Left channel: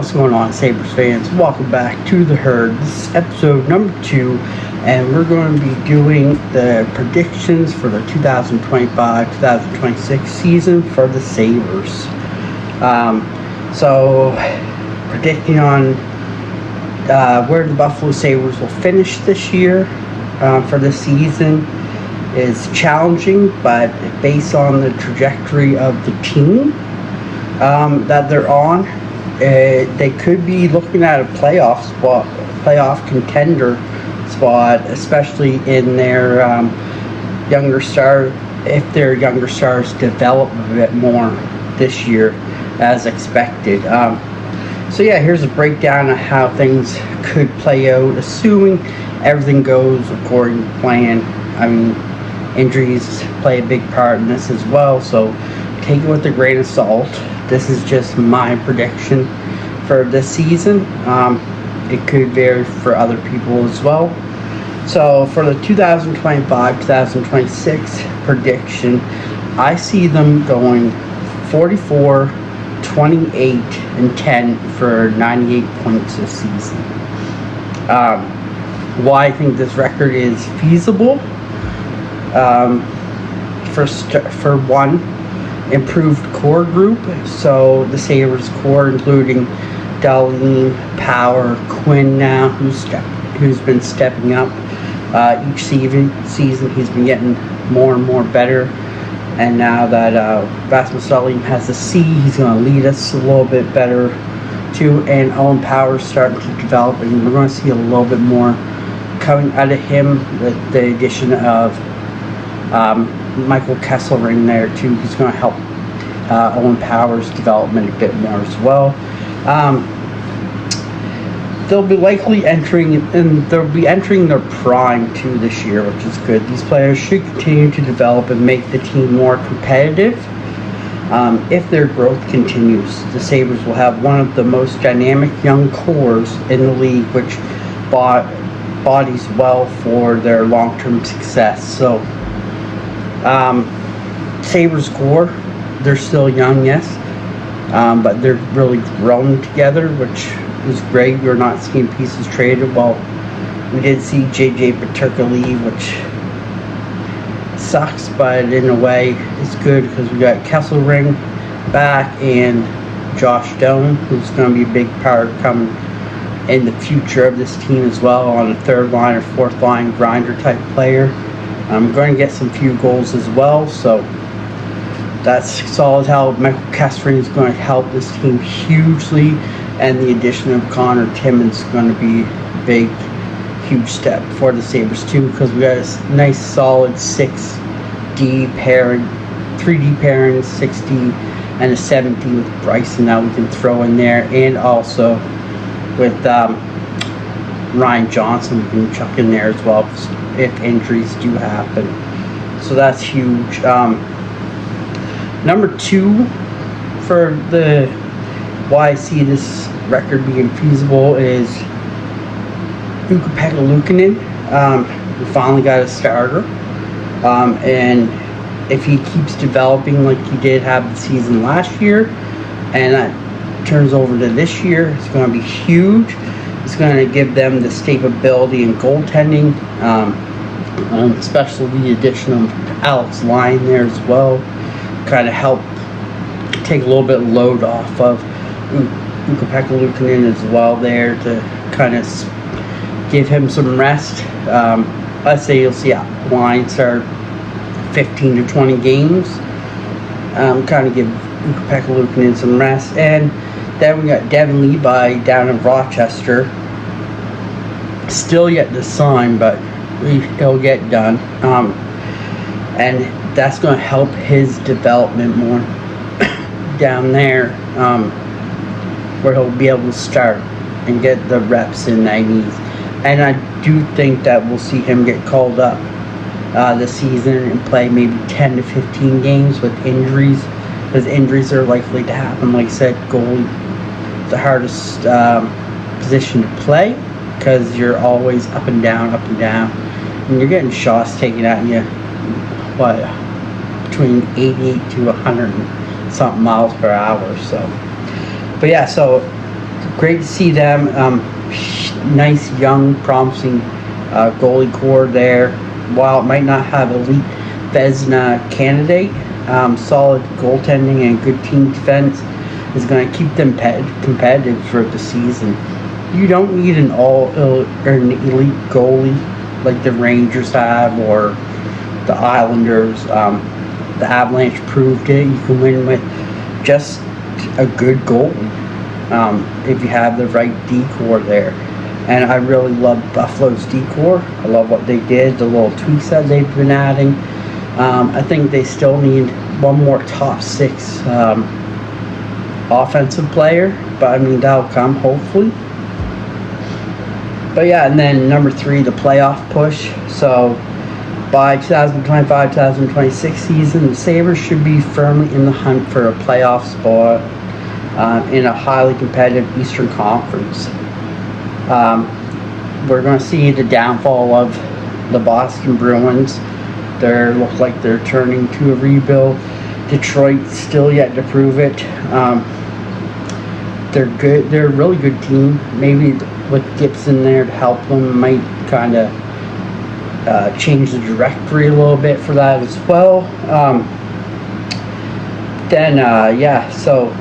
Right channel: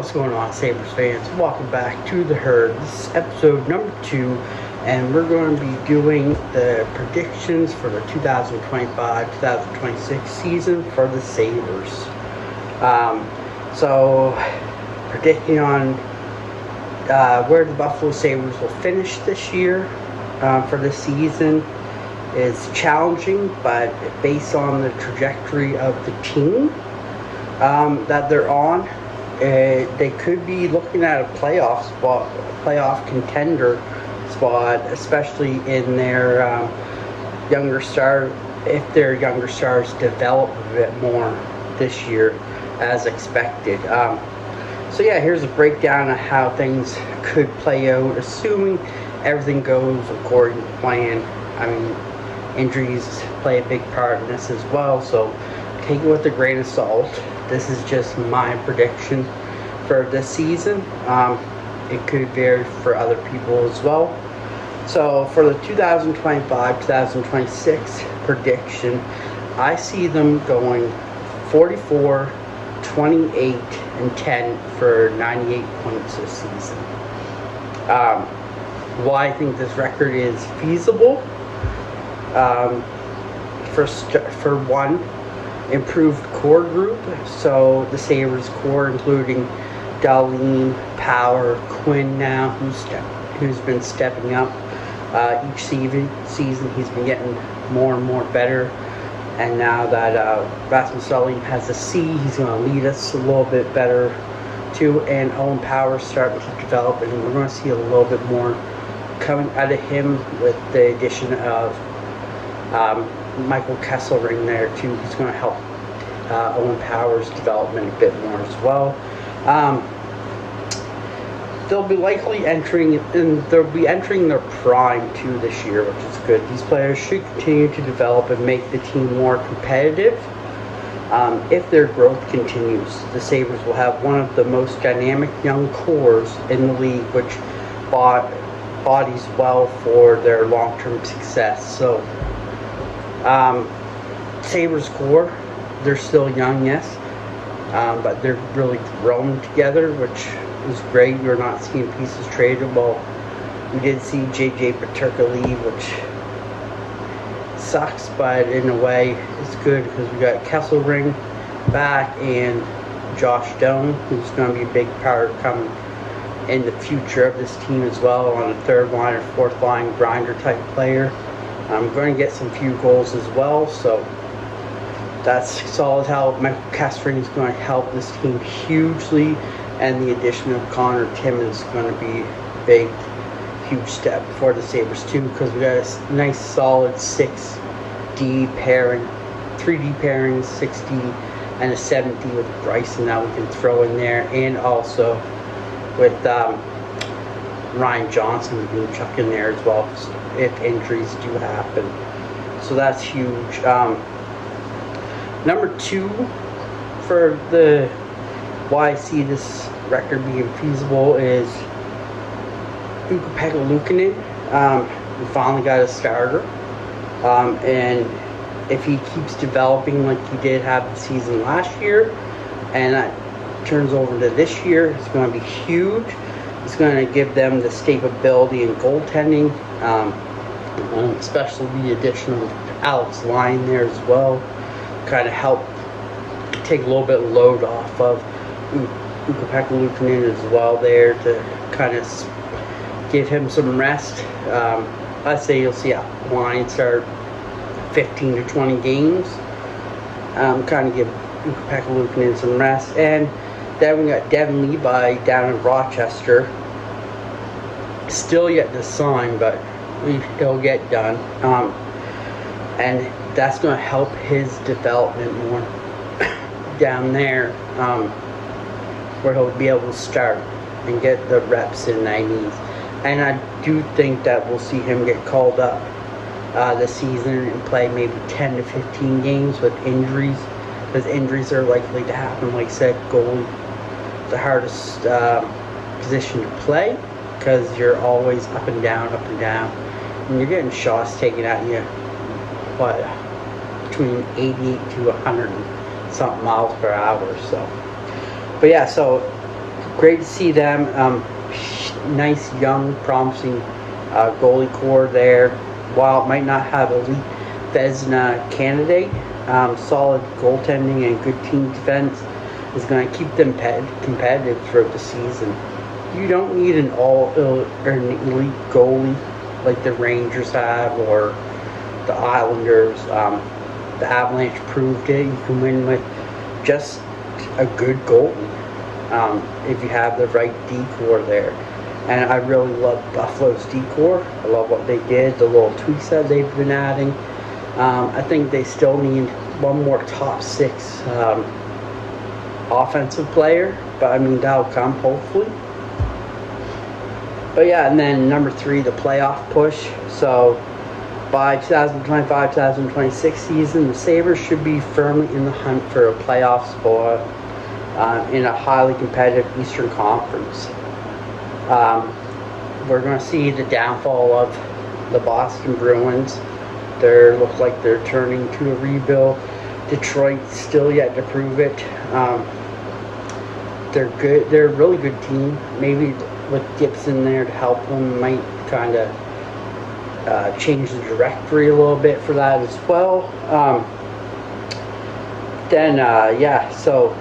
What's going on, Sabres fans? Welcome back to The Herd. This is episode number 2, and we're going to be doing the predictions for the 2025-2026 season for the Sabres. So, predicting on where the Buffalo Sabres will finish this year for the season is challenging, but based on the trajectory of the team that they're on, they could be looking at a playoff contender spot, especially in their younger star, if their younger stars develop a bit more this year as expected. So yeah, here's a breakdown of how things could play out, assuming everything goes according to plan. I mean, injuries play a big part in this as well, so take it with a grain of salt. This is just my prediction for this season. It could vary for other people as well. So for the 2025-2026 prediction, I see them going 44, 28, and 10 for 98 points this season. Why I think this record is feasible? For one, improved core group. So the Sabres core, including Darlene, Power, Quinn now, who's been stepping up each season. He's been getting more and more better. And now that Rasmus Dahlin has a C, he's going to lead us a little bit better too. And Owen Power's starting to develop, and we're going to see a little bit more coming out of him with the addition of Michael Kesselring there too. He's going to help Owen Power's development a bit more as well. They'll be likely entering their prime too this year, which is good. These players should continue to develop and make the team more competitive. If their growth continues, the Sabres will have one of the most dynamic young cores in the league, which bodies well for their long-term success. So Sabres core, they're still young, yes, but they're really grown together, which is great. We're not seeing pieces traded. Well, we did see JJ Peterka leave, which sucks, but in a way it's good because we got Kesselring back and Josh Doan, who's going to be a big part coming in the future of this team as well, on a third line or fourth line grinder type player. I'm going to get some few goals as well, so that's solid. How Michael Kesselring is going to help this team hugely, and the addition of Connor Timmins is going to be a big, huge step for the Sabres too, because we got a nice solid 6D pairing, 3D pairing, 6D, and a 7D with Bryson that we can throw in there, and also with Ryan Johnson we can chuck in there as well if injuries do happen. So that's huge. Number 2 for the why I see this record being feasible is Ukko-Pekka Luukkonen. We finally got a starter, and if he keeps developing like he did have the season last year, and that turns over to this year, it's going to be huge. It's going to give them the stability in goaltending, especially the addition of Alex Lyon there as well, kind of help take a little bit of load off of Ukko-Pekka Luukkonen as well there, to kind of give him some rest. I'd say you'll see Lyon start 15 to 20 games, kind of give Ukko-Pekka Luukkonen some rest. And then we got Devin Levi down in Rochester, still yet to sign, but he'll get done, and that's going to help his development more down there, where he'll be able to start and get the reps in that he needs. And I do think that we'll see him get called up this season and play maybe 10 to 15 games with injuries, because injuries are likely to happen. Like I said, goalie is the hardest position to play, because you're always up and down, and you're getting shots taken at you, between 88 to 100 and something miles per hour. So, but yeah, so great to see them. Nice, young, promising goalie core there. While it might not have elite Vezina candidate, solid goaltending and good team defense is going to keep them competitive throughout the season. You don't need an elite goalie like the Rangers have or the Islanders. The Avalanche proved it. You can win with just a good goalie if you have the right decor there. And I really love Buffalo's decor. I love what they did, the little tweaks that they've been adding. I think they still need one more top six offensive player, but I mean, that'll come hopefully. But yeah, and then number 3, the playoff push. So by 2025-2026 season, the Sabres should be firmly in the hunt for a playoff spot in a highly competitive Eastern Conference. We're going to see the downfall of the Boston Bruins. They look like they're turning to a rebuild. Detroit still yet to prove it. They're good. They're a really good team. Maybe with Gibson there to help them might kind of change the directory a little bit for that as well. So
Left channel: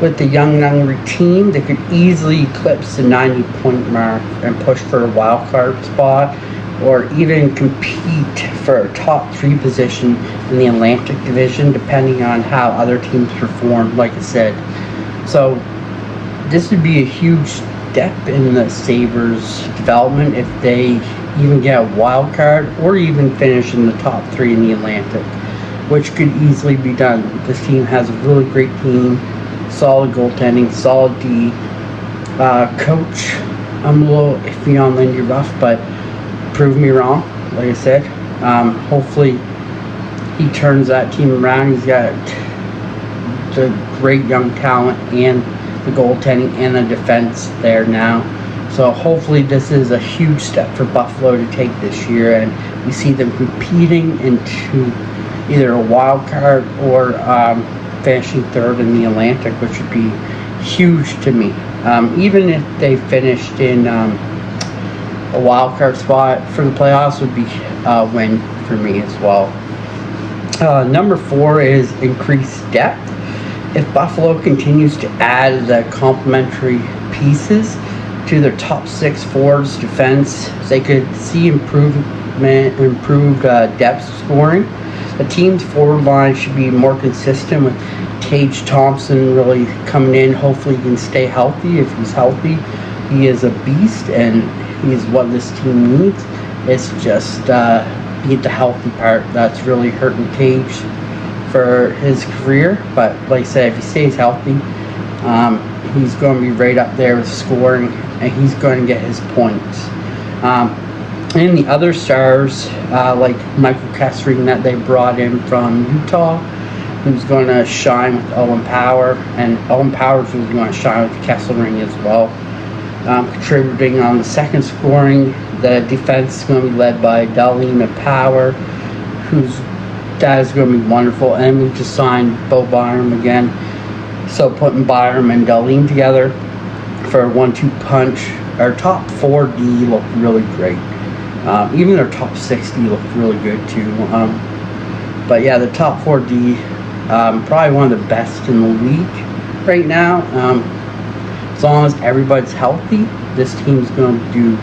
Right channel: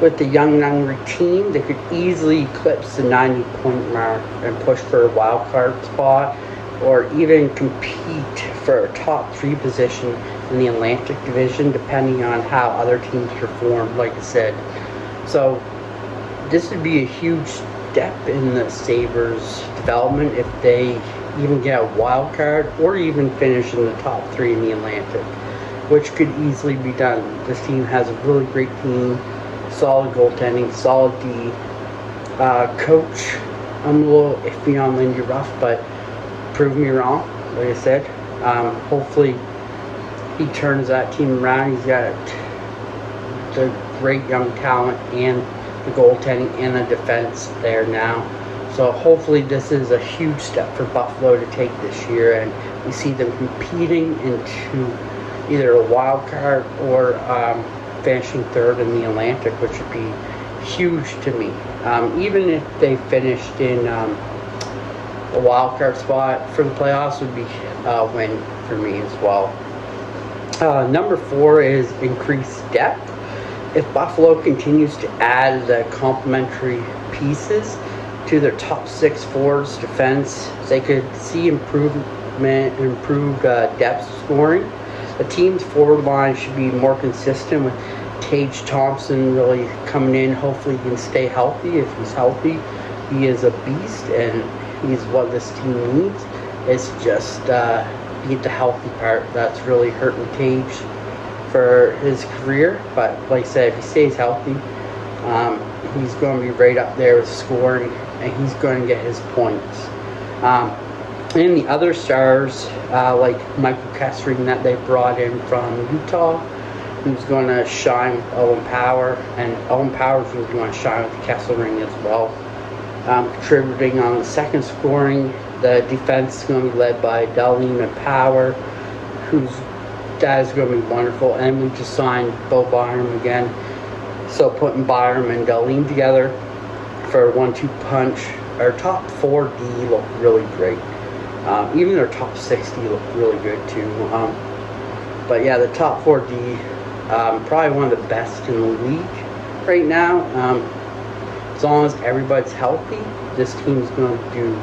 with the young and hungry team, they could easily eclipse the 90-point mark and push for a wild card spot, or even compete for a top 3 position in the Atlantic Division, depending on how other teams perform, like I said. So this would be a huge step in the Sabres' development if they even get a wild card or even finish in the top 3 in the Atlantic, which could easily be done. This team has a really great team, solid goaltending, solid D. Coach, I'm a little iffy on Lindy Ruff, but prove me wrong, like I said. Hopefully he turns that team around. He's got the great young talent and the goaltending and the defense there now. So hopefully this is a huge step for Buffalo to take this year, and we see them competing into either a wild card or finishing 3rd in the Atlantic, which would be huge to me. Even if they finished in a wild card spot for the playoffs, would be a win for me as well. Number 4 is increased depth. If Buffalo continues to add the complementary pieces to their top 6 forwards defense, they could see improved depth scoring. The team's forward line should be more consistent, with Tage Thompson really coming in. Hopefully he can stay healthy. If he's healthy, he is a beast, and he's what this team needs. It's just beat the healthy part that's really hurting Tage for his career. But like I said, if he stays healthy, he's going to be right up there with scoring, and he's going to get his points. And the other stars, like Michael Kessering that they brought in from Utah, who's going to shine with Owen Power, and Owen Power's really going to shine with Kessering as well. Contributing on the second scoring, the defense is going to be led by Dahlin and Power, that is going to be wonderful. And we just signed Bo Byram again, so putting Byram and Dahlin together for a 1-2 punch. Our top 4D look really great. Even their top 60 look really good too. But yeah, the top 4D, probably one of the best in the league right now. As long as everybody's healthy, this team's going to do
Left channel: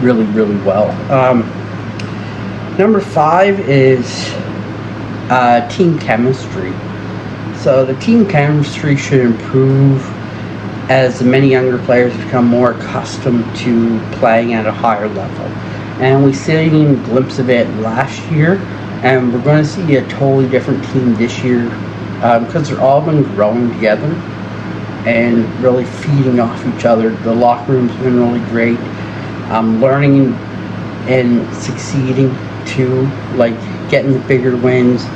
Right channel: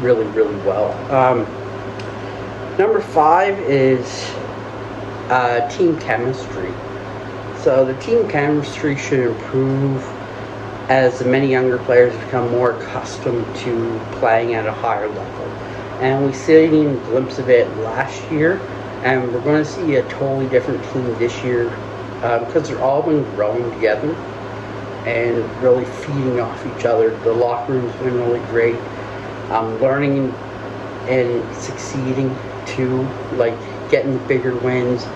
really, really well. Number 5 is team chemistry. So the team chemistry should improve as the many younger players become more accustomed to playing at a higher level. And we seen a glimpse of it last year, and we're going to see a totally different team this year because they're all been growing together and really feeding off each other. The locker room's been really great. Learning and succeeding too, like getting the bigger wins,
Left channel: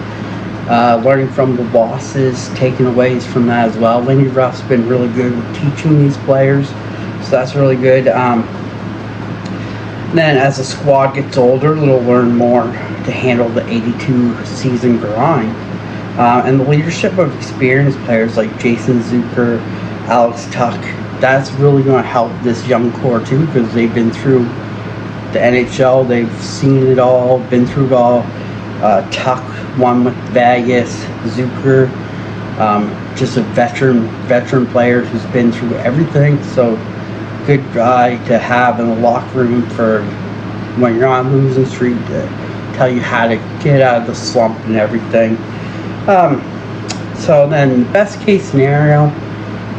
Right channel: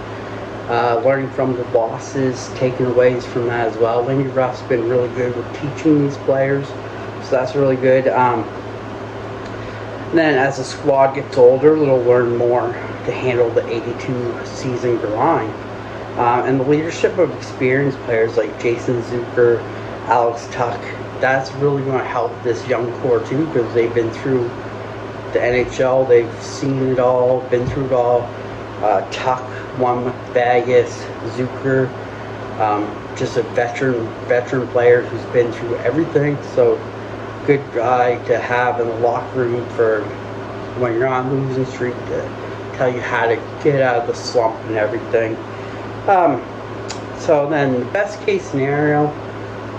learning from the losses, taking aways from that as well. Lindy Ruff's been really good with teaching these players, so that's really good. Then as the squad gets older, they'll learn more to handle the 82 season grind. And the leadership of experienced players like Jason Zucker, Alex Tuck, that's really going to help this young core too, because they've been through the NHL, they've seen it all, been through it all. Tuck won with Vegas, Zucker, just a veteran player who's been through everything. So good guy to have in the locker room for when you're on losing streak, to tell you how to get out of the slump and everything. So then best case scenario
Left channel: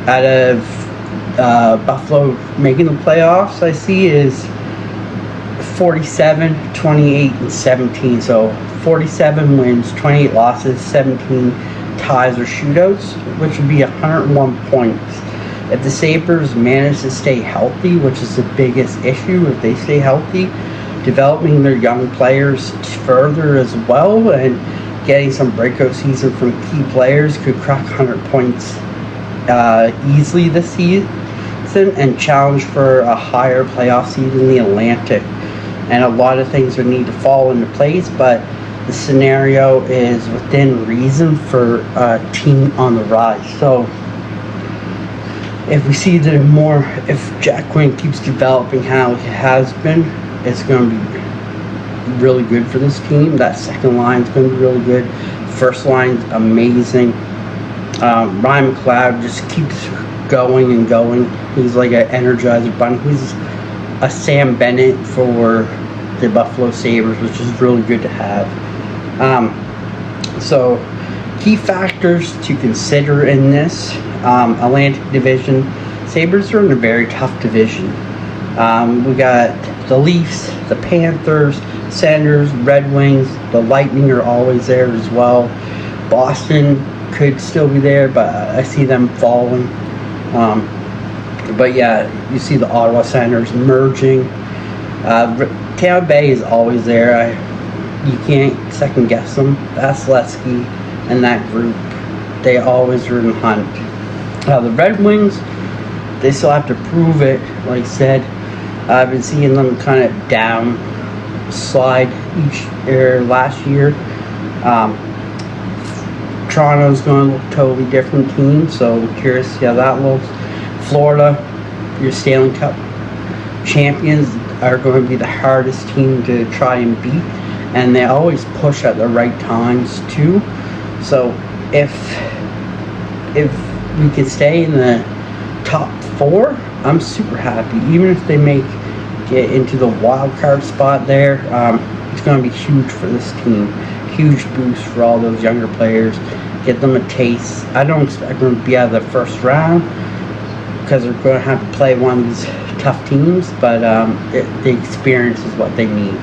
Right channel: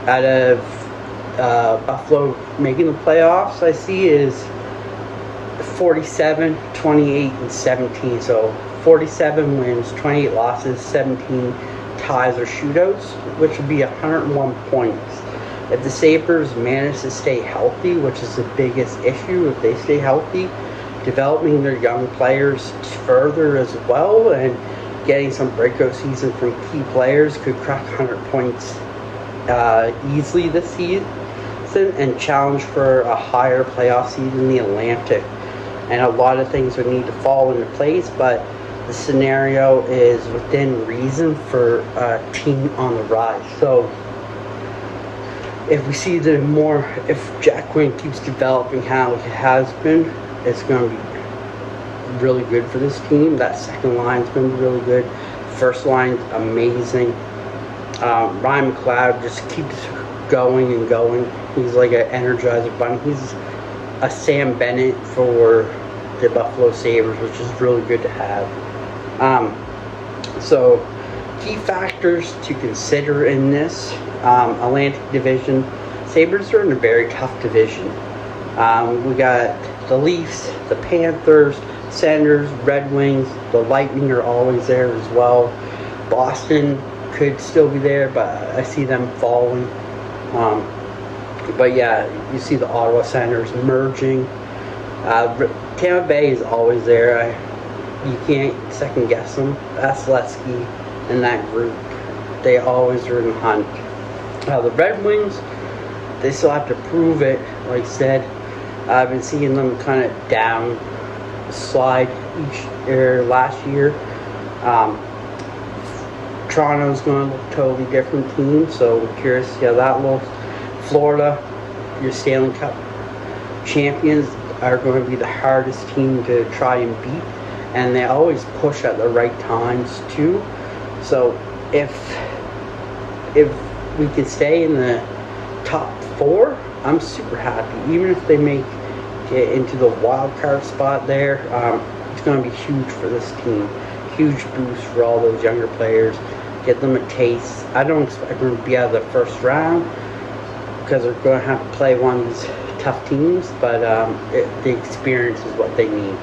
out of Buffalo making the playoffs, I see is 47, 28, and 17. So 47 wins, 28 losses, 17 ties or shootouts, which would be 101 points. If the Sabres manage to stay healthy, which is the biggest issue, if they stay healthy, developing their young players further as well, and getting some breakout season from key players, could crack 100 points easily this season and challenge for a higher playoff seed in the Atlantic. And a lot of things would need to fall into place, but the scenario is within reason for a team on the rise. So if we see that if Jack Quinn keeps developing how he has been, it's going to be really good for this team. That second line is going to be really good. First line's amazing. Ryan McLeod just keeps going and going. He's like an Energizer bunny. He's a Sam Bennett for the Buffalo Sabres, which is really good to have. So key factors to consider in this Atlantic Division. Sabres are in a very tough division. We got the Leafs, the Panthers, Senators, Red Wings, the Lightning are always there as well. Boston could still be there, but I see them falling. But yeah, you see the Ottawa Senators merging. Tampa Bay is always there. You can't second guess them. Vasilevsky and that group, they always are in the hunt. The Red Wings, they still have to prove it. Like I said, I've been seeing them kind of down slide last year. Toronto's going to look totally different team, so I'm curious to see how that looks. Florida, your Stanley Cup champions, are going to be the hardest team to try and beat, and they always push at the right times too. So if we can stay in the top 4, I'm super happy. Even if they get into the wild card spot there, it's going to be huge for this team. Huge boost for all those younger players. Get them a taste. I don't expect them to be out of the first round, because they're going to have to play one of these tough teams, but the experience is what they need.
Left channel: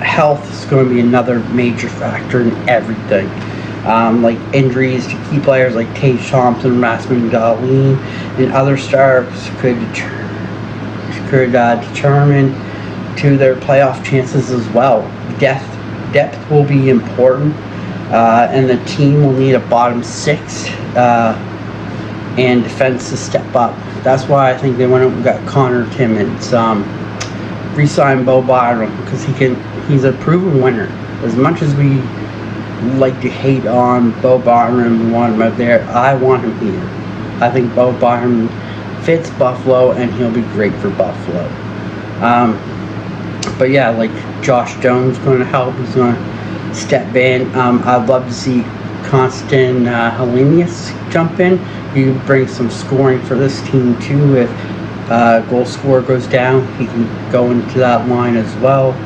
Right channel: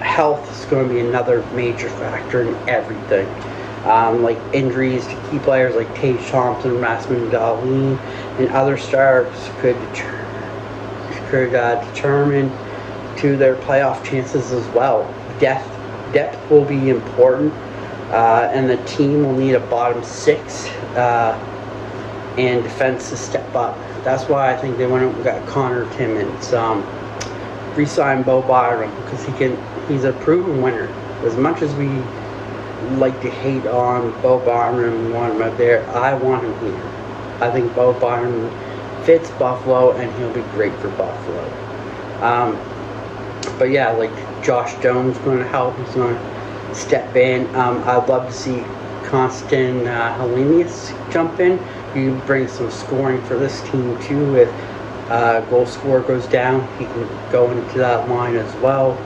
Health is going to be another major factor in everything. Like injuries to key players like Tage Thompson, Rasmus Dahlin, and other stars could determine to their playoff chances as well. Depth will be important, and the team will need a bottom 6 and defense to step up. That's why I think they went up and got Connor Timmins. Re-signed Bo Byram, because he's a proven winner. As much as we like to hate on Bo Byram and want him out there, I want him here. I think Bo Byram fits Buffalo, and he'll be great for Buffalo. But yeah, like Josh Jones going to help. He's going to step in. I'd love to see Constant Helenius jump in. You can bring some scoring for this team too. If goal scorer goes down, he can go into that line as well.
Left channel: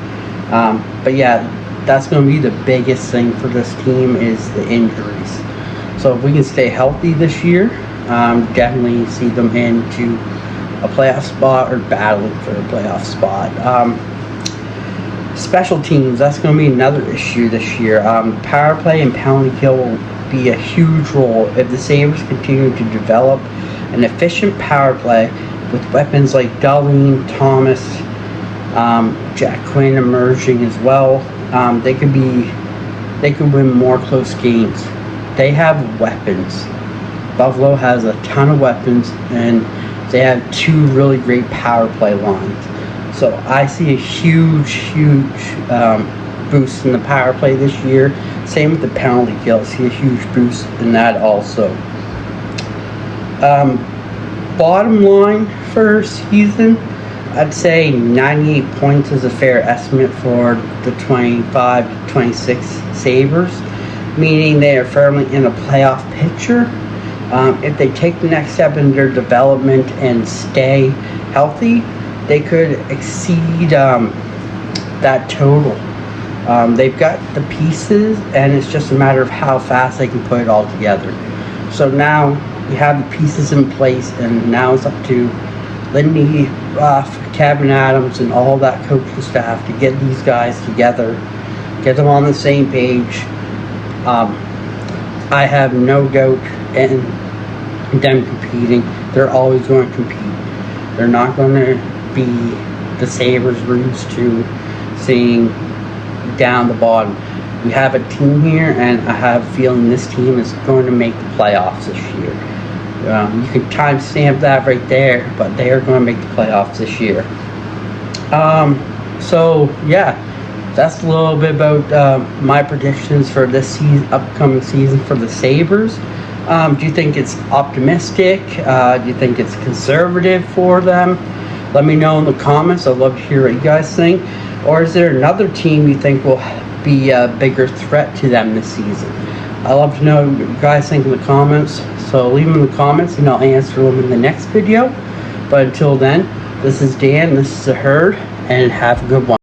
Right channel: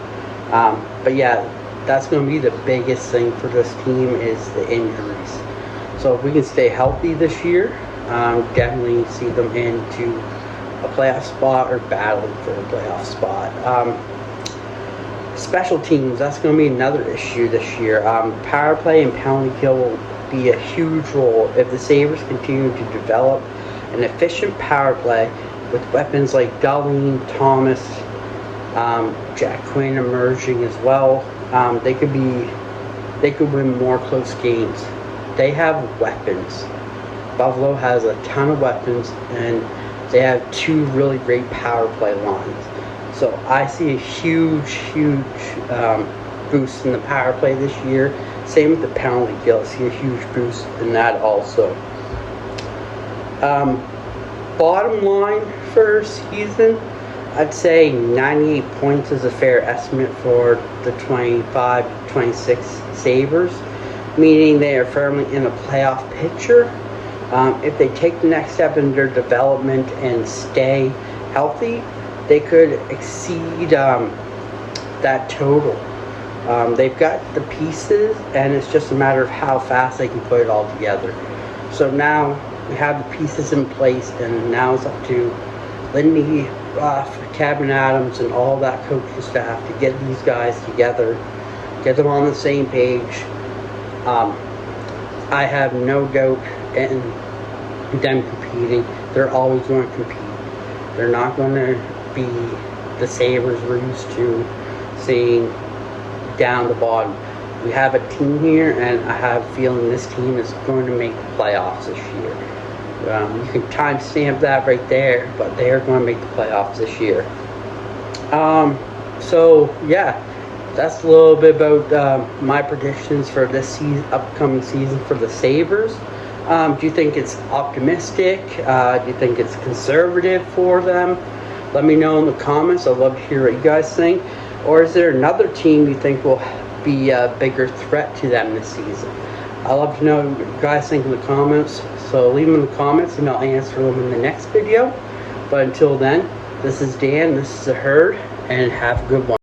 But yeah, that's going to be the biggest thing for this team, is the injuries. So if we can stay healthy this year, definitely see them into a playoff spot or battling for a playoff spot. Special teams, that's going to be another issue this year. Power play and penalty kill will be a huge role if the Sabres continue to develop an efficient power play with weapons like Dahlin, Thomas, Jack Quinn emerging as well. They could win more close games. They have weapons. Buffalo has a ton of weapons, and they have 2 really great power play lines. So I see a huge boost in the power play this year. Same with the penalty kill. I see a huge boost in that also. bottom line for season, I'd say 98 points is a fair estimate for the 25 to 26 Sabres, meaning they are firmly in a playoff picture. If they take the next step in their development and stay healthy, they could exceed that total. They've got the pieces, and it's just a matter of how fast they can put it all together. So now we have the pieces in place, and now it's up to Lindy, Ruff, Kevin Adams, and all that coaching staff to get these guys together, get them on the same page. I have no doubt in them competing. They're always going to compete. They're not going to be the Sabres we're used to seeing down the bottom. We have a team here, and I have a feeling this team is going to make the playoffs this year. You can timestamp that right there, but they are going to make the playoffs this year. So yeah, that's a little bit about my predictions for this upcoming season for the Sabres. Do you think it's optimistic? Do you think it's conservative for them? Let me know in the comments. I'd love to hear what you guys think. Or is there another team you think will be a bigger threat to them this season? I'd love to know what you guys think in the comments. So leave them in the comments and I'll answer them in the next video. But until then, this is Dan, this is The Herd, and have a good one.